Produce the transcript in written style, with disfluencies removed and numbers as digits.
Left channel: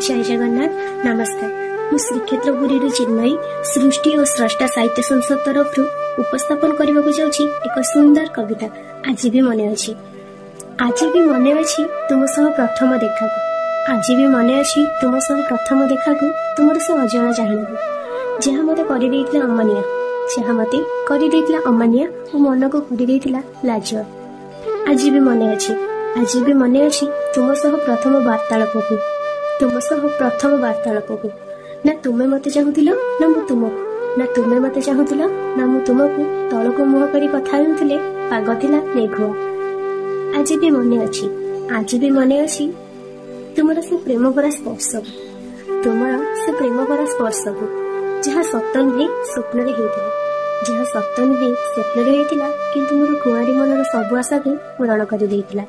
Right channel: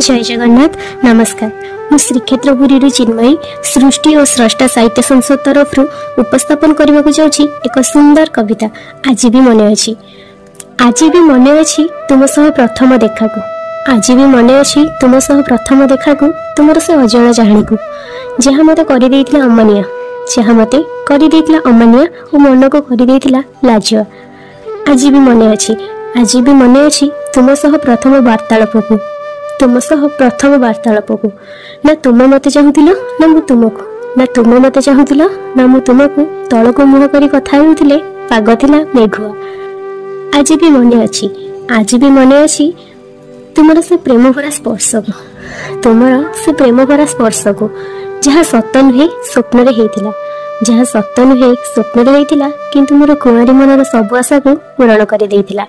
जय जगन्नाथ नमस्कार। मु श्रीक्षेत्रपुरी चिन्मयी सृष्टि और स्रष्टा साहित्य संसद तरफ उपस्थापन करने को जाऊँगी एक सुंदर कविता। आज भी मन अच्छी तुम सह प्रथम देखा को। आज भी मन अच्छी तुम सह प्रथम देखा को तुमर से अजण जाणी को जहाँ मत कर अमानिया जहाँ मत कर अमानिया और मन को कर लाज। आज भी मन अच्छी तुम सह प्रथम वार्तालाप को ना तुम मत चाहूल ना मु तुमको ना तुम मत चाहूल ना मु तुमको तल को मुह कर कथा होउथिले पाग थिला मेघुआ। आज भी मन अच्छी तुमर से प्रेम भरा स्पर्श को जहाँ सत नुहे स्वप्न होइथिला किंतु मोर कुआरी मनर सब आशा को पूरण कर देइथिला।